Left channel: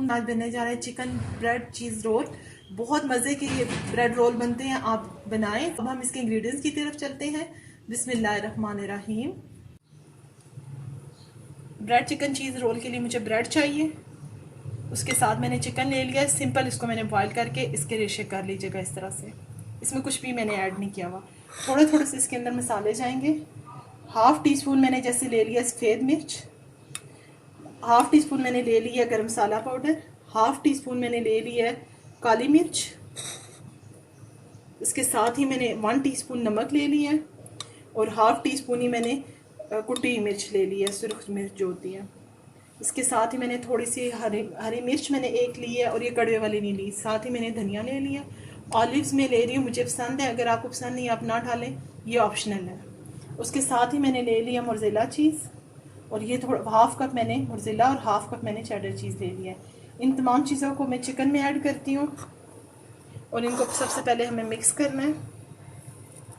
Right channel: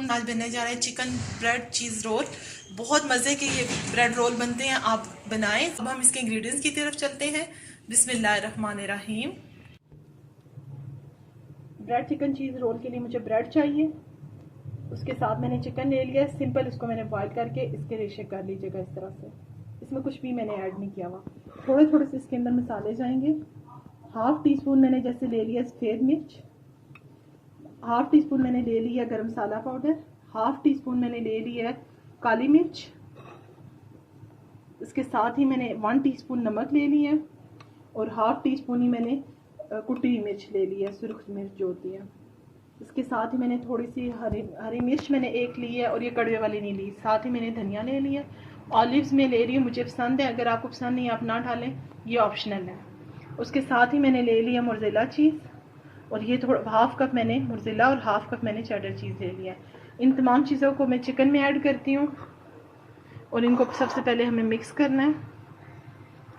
वालेकुम। आज बनने जा रहे हैं चिकन ब्रेड चीज़ रोल। बहुत मज़े के ये ब्रेड रोल बनते हैं, आप बनाएं। अब हम इसके इंग्रेडिएंट्स की तरफ चलते हैं। बिस्मिल्लाहिर्रहमानिर्रहीम। ब्रेड चिकन चीज़ रोल के लिए मुझे ब्रेड चाहिए, उसके साथ मैंने चिकन ले लिया है। सिंपल इसको मैंने बॉयल करके इसके रेशे कर लीजिएगा इस तरह से। इसमें कुछ भी मैंने ऐड नहीं किया हुआ। थोड़े थोड़े से इसके अंदर मसाले जाएंगे। हाफ़ टी स्पून मैंने जैसे ले लिया सफ़ेद मिर्च, हाफ़ टी स्पून मैंने ले लिया गरम मसाला पाउडर, हाफ़ टी स्पून मैंने ले लिया है काली मिर्च, इसके साथ ही मैंने 1 टीस्पून नमक ले लिया है और हाफ़ टी स्पून ही मैंने कुटी मिर्च ले ली है, सुरख मिर्च जो होती है। इसके साथ ही मैंने थोड़ी सी हरी मिर्च मैंने एक ली है और ये कड़वे वाली नहीं ली। साथ ही मैंने धनिया ले लिया। ऑलिव्स में ले रही हूँ, मुझे पसंद है, अगर आपको पसंद नहीं आप ना डालें, ये ऑप्शनल है। उसके साथ ही मैंने ले लिया मोज़रेला चीज़ और ये थोड़ा हाफ़ कप मैंने मोज़रेला और हाफ़ कप मैंने चेडर चीज़ ले लिया है। इन तमाम चीज़ों को मैं चिकन में ऐड करती हूँ और इनको सबसे पहले हमें मिक्स करना है।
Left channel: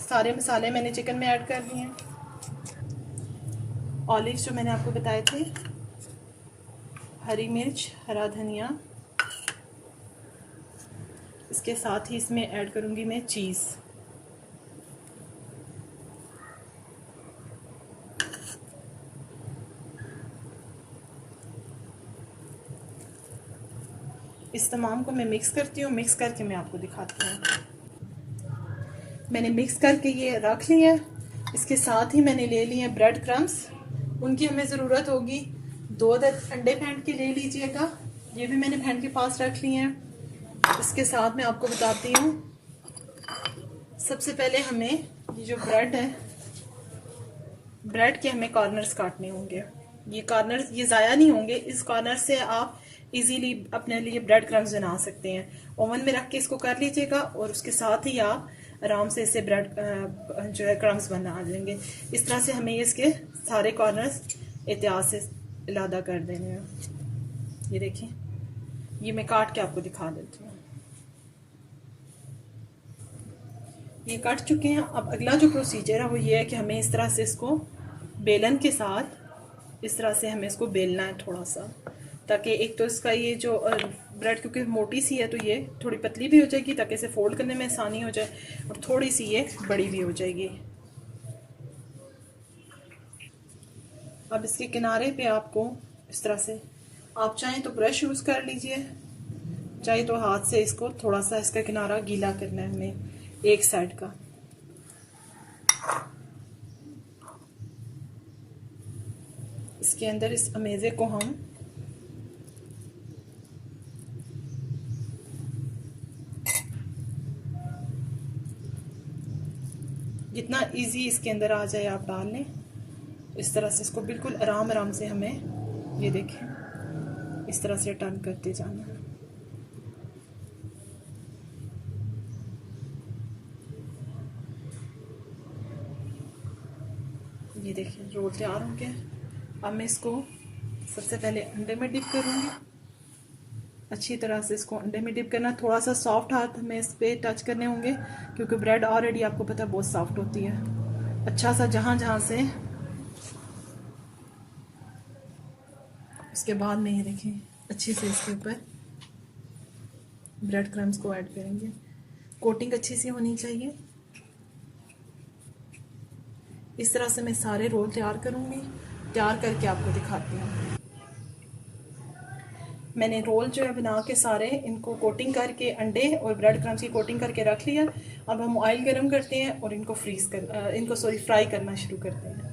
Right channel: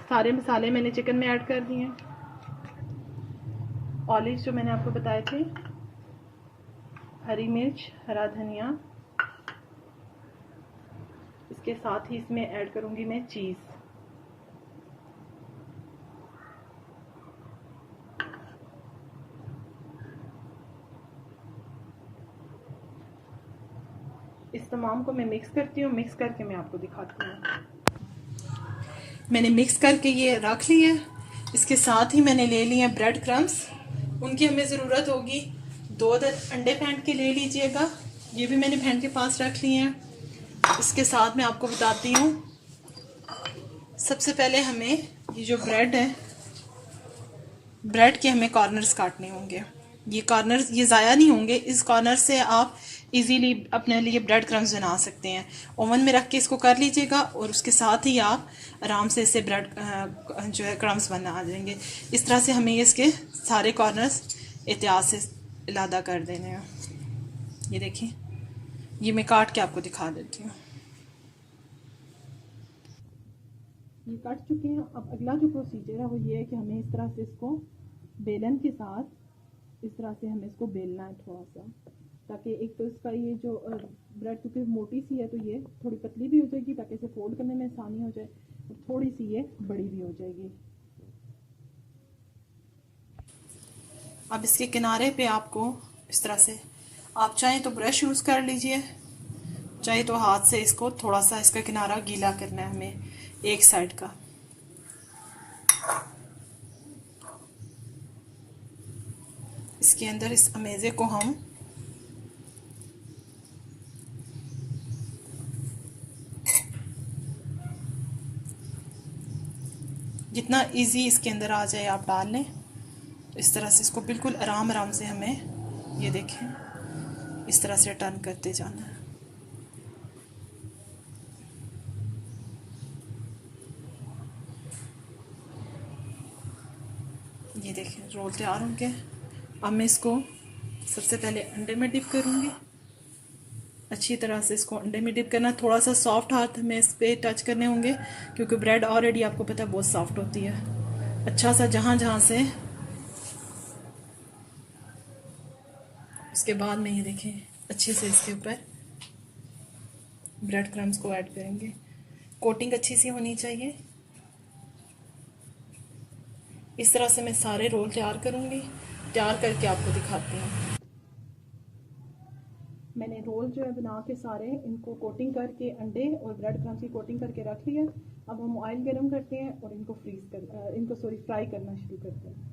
सारे मसाले मैंने चिकन में ऐड कर दिए हैं। ऑलिव्स जो मैंने आपको बताए थे, हरी मिर्च, हरा धनिया, इसके साथ ही इसमें ऐड करूँगी मैं चीज़। इस तमाम को मैं मिक्स करती हूँ, मिक्स करके मैं आपको दिखाती हूँ। मैंने मिक्स करके ये रख लिया है। इसके साथ ही मैंने ले लिए ब्रेड क्रम्स, उनकी हमें ज़रूरत होगी। 2 अदद अंडे फेंट के ले लीजिएगा, ये भी मैंने फेंट के पास रख लिए हैं। इसके साथ मैं आपको बताती हूँ, सबसे पहले हमें ये जो ब्रेड है, ब्रेड के हमें कॉर्नर्स काटने होंगे। ये कॉर्नर्स ये ज़ाया नहीं होंगे, इस कॉर्नर से आप इजीली अपने लिए ब्रेड क्रम्स बना सकते हैं। ओवन में रख के इसको कर लीजिएगा और उसके साथ ही आप आराम से इससे ब्रेड जो है क्रम्स बना देंगे। इस तरह से हमें इसके सारे कॉर्नर्स एहतियात से इलादा कर देने हैं। ये देखिए, ये मैं काट के आपको दिखा देती हूँ। ये कट चुके हैं। अब अगला जो प्रोसीजर है वो ये है कि हमें इस तरह से इसको बेलन के साथ इस तरह से हमें इसको बेलना है थोड़ा सा, ताकि एक तो इसका ये जो ब्रेड क्योंकि मोटी सी है तो ये थोड़ी पतली भी हो जाएगी, ताकि इसे फोल्ड करने में आसानी हो जाए, और थोड़ी सी ये बड़ी भी हो जाएगी। अब इसके किनारे पे आपको इस तरह से, आप चाहें तो ब्रश यूज़ कर लीजिए, चाहे तो हाथ से इसको थोड़ा सा इसका किनारा गीला करना है हमें एक साइड का। इसके अंदर इस अमेज़े को हम जितना इजी इसके अंदर आ जाए आप डाल लें। इस तरह से इसको बिल्कुल आराम आराम से हमें, ये देखें, इस तरह से टर्न करते जाना है। ये देखें, रोल तैयार होंगे। अब मैं इसको सबसे पहले अंडे में डिप करूँगी। अच्छी तरह से इसको अंडे में डिप करना, थोड़ा सा सॉफ्ट हाथ में इस पर टच करने होंगे, क्योंकि ब्रेड ऑलरेडी आपको पता है बहुत सॉफ्ट होती है। अच्छा सा जहाँ जहाँ से, उसके बाद में ये देखें अच्छे से इसके ऊपर ब्रेड क्रम्स को ऐड करेंगे। कोटिंग अच्छी सी होनी चाहिए। इस तरह से मैं सारे रोल तैयार करूँगी, तैयार करके आपको दिखाती हूँ। मैंने रोल जो है बना के सारे इनको कोटिंग करके, अंडे और ब्रेड क्रम्स की कोटिंग करके रख लिया। अब हम ऑयल गरम करते हैं और इनको फ्राई करना शुरू करते हैं।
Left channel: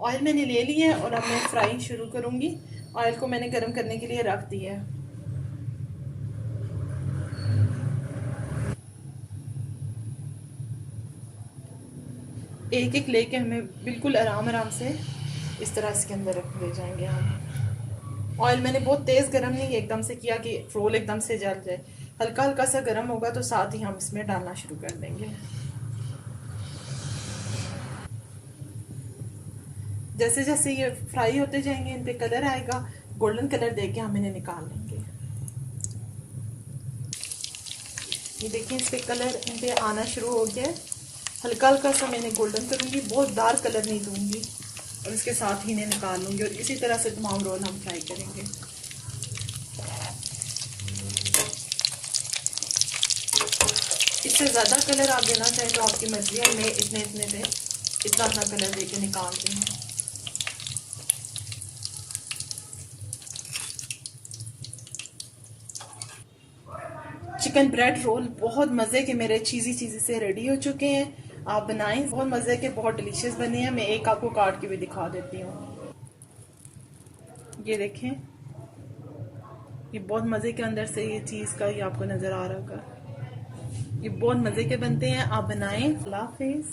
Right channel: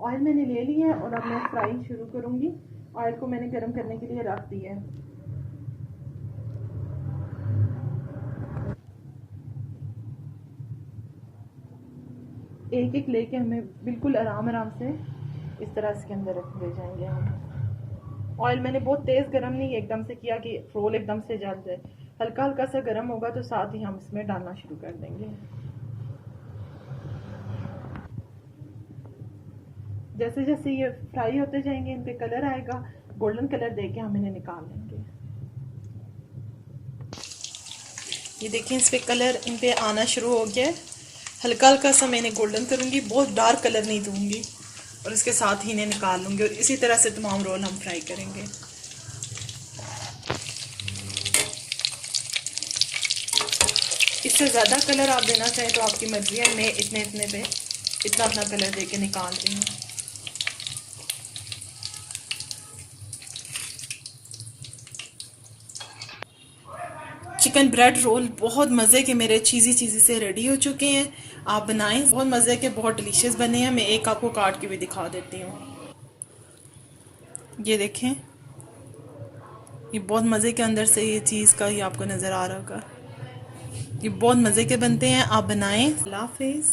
ऑयल मैंने ले लिया है और अब मैं फ्राई शुरू करूँगी। ऑयल को मैंने गरम करने के लिए रख दिया है। एक एक लेके हमें बिल्कुल आराम आराम से इस तरह इसके अंदर ले जाएंगे। ऑयल मैंने बहुत तेज़ गरम नहीं एकदम से किया कि रोल एकदम से जल जाए। हल्का हल्का सा गरम होगा तो साथ ही हम इसमें डालना शुरू कर देंगे। जैसे जैसे ये फ्राई होते जाएंगे, इन पे कलर आएगा, गोल्डन कलर देके हम इन्हें निकाल लेंगे। ये देखिए, इस पे कलर इन पे आना शुरू हो गया है। हल्का हल्का सा मैं इन्हें गोल्डन करूँगी, बहुत डार्क कलर नहीं दूंगी, और इसके साथ ही इन्हें निकाल लूँगी। और इसी तरह से तमाम रोल हम फ्राई करेंगे। इससे ज़्यादा कलर आप देना चाहें तो आपकी मर्जी है। मैं इतने इतने पे इतना इतना कलर दे के निकाल रही हूँ। चिकन ब्रेड रोल बहुत मज़े के मेरे चीज़ी चीज़ी से रेडी हो चुके हैं। आप बनाएं, बहुत मज़े के, बहुत डिलीशियस बने हैं। मैं एक आपको काट के भी दिखा देती हूँ। ये देखें, ये बहुत मज़े के अंदर से ये चीज़ का ये आपको नज़र आ रहा होगा। ये बहुत मज़े के बनते हैं, आप बनाएं। अल्लाह हाफिज़।